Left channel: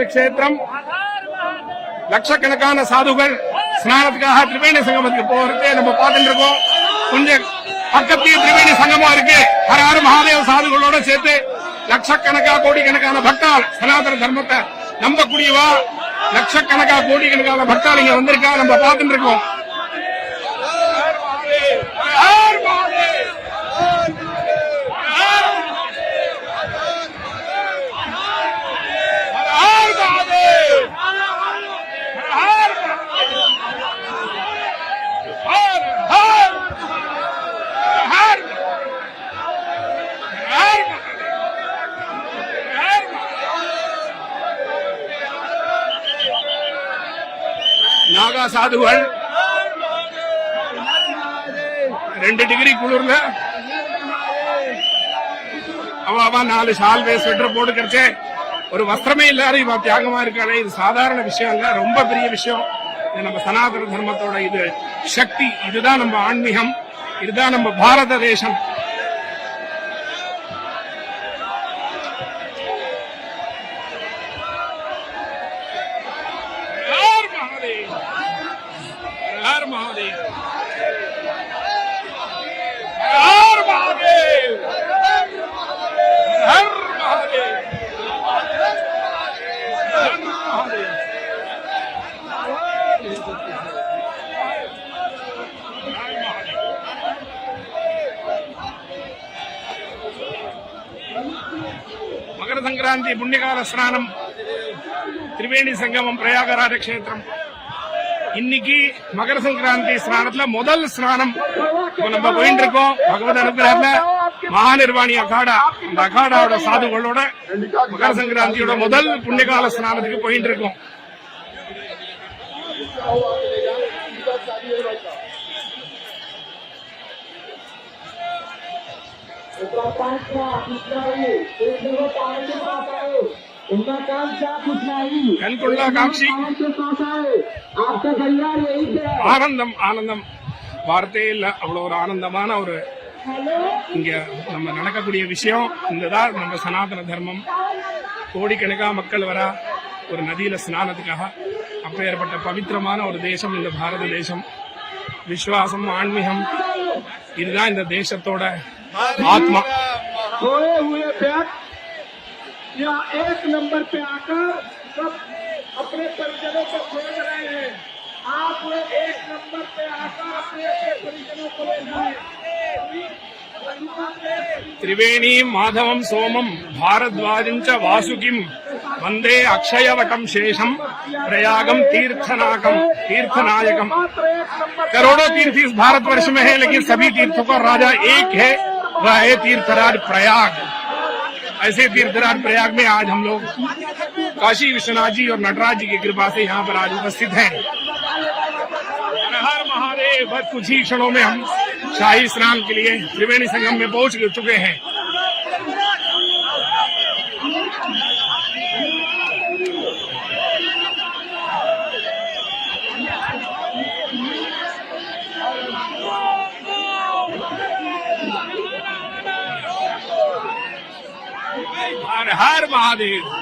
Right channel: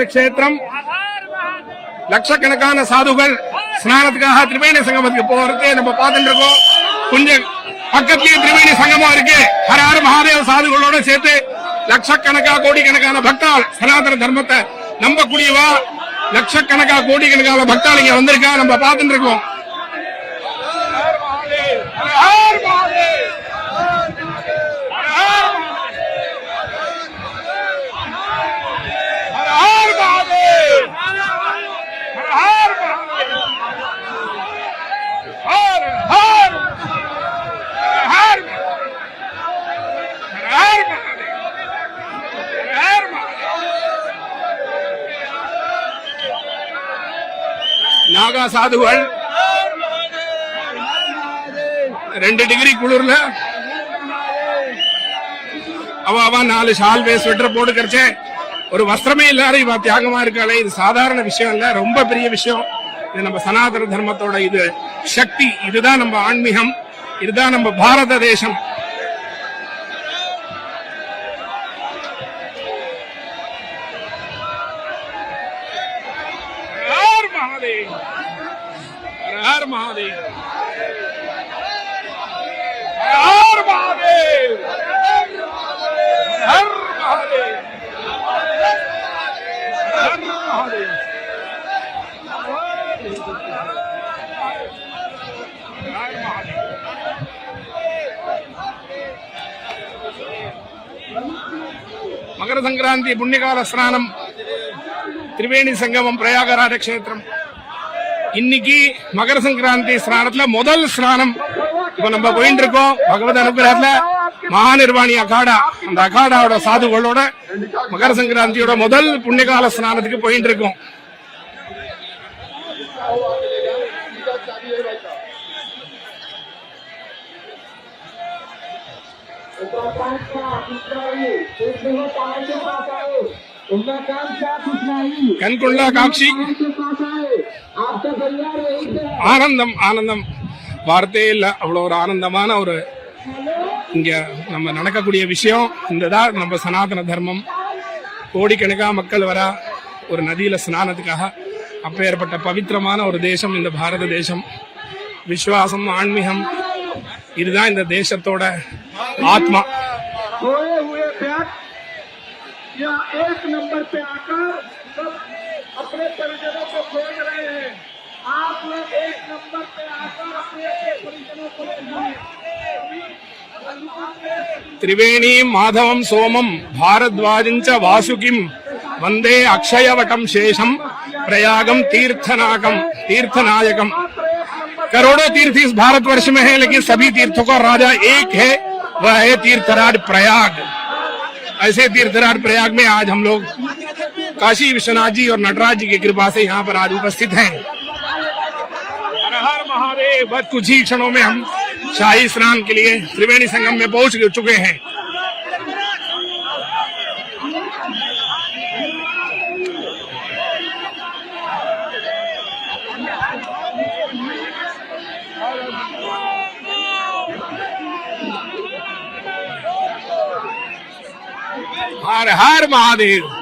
க்ஷேத்திரம். லட்சக்கணக்கான சாதுகள் ஸ்நானத்துக்காக திரிவேணி சங்கமத்துக்கு போறது நம்ம பார்த்துட்டு இருக்கோம். கொஞ்சம் பக்கத்திலேயே திரிவேணி சங்கமா இருக்கு. ஹர ஹர மகாதேவ சாதுகளோட சேர்த்து லட்சக்கணக்கா கோடிக்கணக்கான பக்தாள் சனாதன தர்மத்தை நம்பக்கூடியவா? லட்சக்கணக்கா கோடிக்கணக்கான பக்தாள் இங்க வந்திருக்கா? நம்ம பார்த்துட்டு இருக்கோம். நாகா சாதுகள் ரெண்டு டிகிரி குளிர்ல. அவன் நாலு ஷால்வே ஸ்வெட்டர் போட்டு கிடைச்சே ஒரு வஸ்திரமே இல்லாத இவ தியாகமா இருக்காளே. இது சாதாரண விஷயம் இல்ல ரொம்ப பெரிய விஷயம். இது நம்ம சனாதன தர்மத்தோட இது சக்தி. இதுதான் நம்ம ஆன்மீகம். இதுதான் நம்ம பாரத தேசம். மகாதேவ். ஹர் மகாதேவ்? ஹர் மகாதேவ்? ஹர் மகாதேவ்? ஹர் மகாதேவ் மகர சங்கராந்தி புண்ணியகால ஸ்நானம் திரிவேணி சங்கமம் பிரயாகராஜ கஷேத்திரம். இன்னைக்கு மகர சங்கராந்தி ஸ்நானத்துல முதல் ஸ்நானம் இப்ப நம்ம போயிட்டு இருக்கோம். பகவத் அனுகிரகத்துல மகாநிர்வாணி அகாடா. அந்த அகாடாவோட சாதுகளோட மகர சங்கராந்தியோட முதல் புண்ணியகால ஸ்நானத்துக்கு போயிட்டு இருக்கோம். கண்கொள்ளா காட்சி. ஆனந்தம் ஆனந்தம் வார்த்தையே இல்ல அவ்வளவு ஒரு ஆனந்தமான ஒரு இங்க நம்ம நடக்கக்கூடிய விஷயம் இதுதான் நம்ம சனாதன தர்மம் கோடிக்கணக்கா மக்கள் வர ஒரு நதியில ஸ்நானத்துக்காக அப்பேற்பட்ட பவித்திரமான ஒரு தேசம் இந்த பாரத தேசம் விசுவாசம் ஆன்மீகம் இதுதான் இந்த தேசத்தோட ஆத்மா खोए हुए व्यक्ति या एक नंबर पे आकर सब अपने परिजनों को खोज रहे हैं। आप लोग एक नंबर पे आकर अपने अपने परिजनों को त्रिवेणी माधवम सोमम भारद्वाजं च वासुकिम वंदे अक्षयवटम शेषम प्रयागम तीर्थनाकम तीर्थनायकम करोड़ों तीर्थ इस भारतवर्ष में है, लेकिन सभी तीर्थों का राजा एक है, वह है तीर्थराज प्रयाग। ऐसे तीर्थराज प्रयाग में आज हम लोग काशी विश्वनाथ जी और नटराज जी की कृपा से यहाँ पर आज उपस्थित हैं। महादेव बस कुछ ही क्षणों में हम शाही स्नान के लिए त्रिवेणी संगम में पहुँच चुके हैं। हर हर महादेव।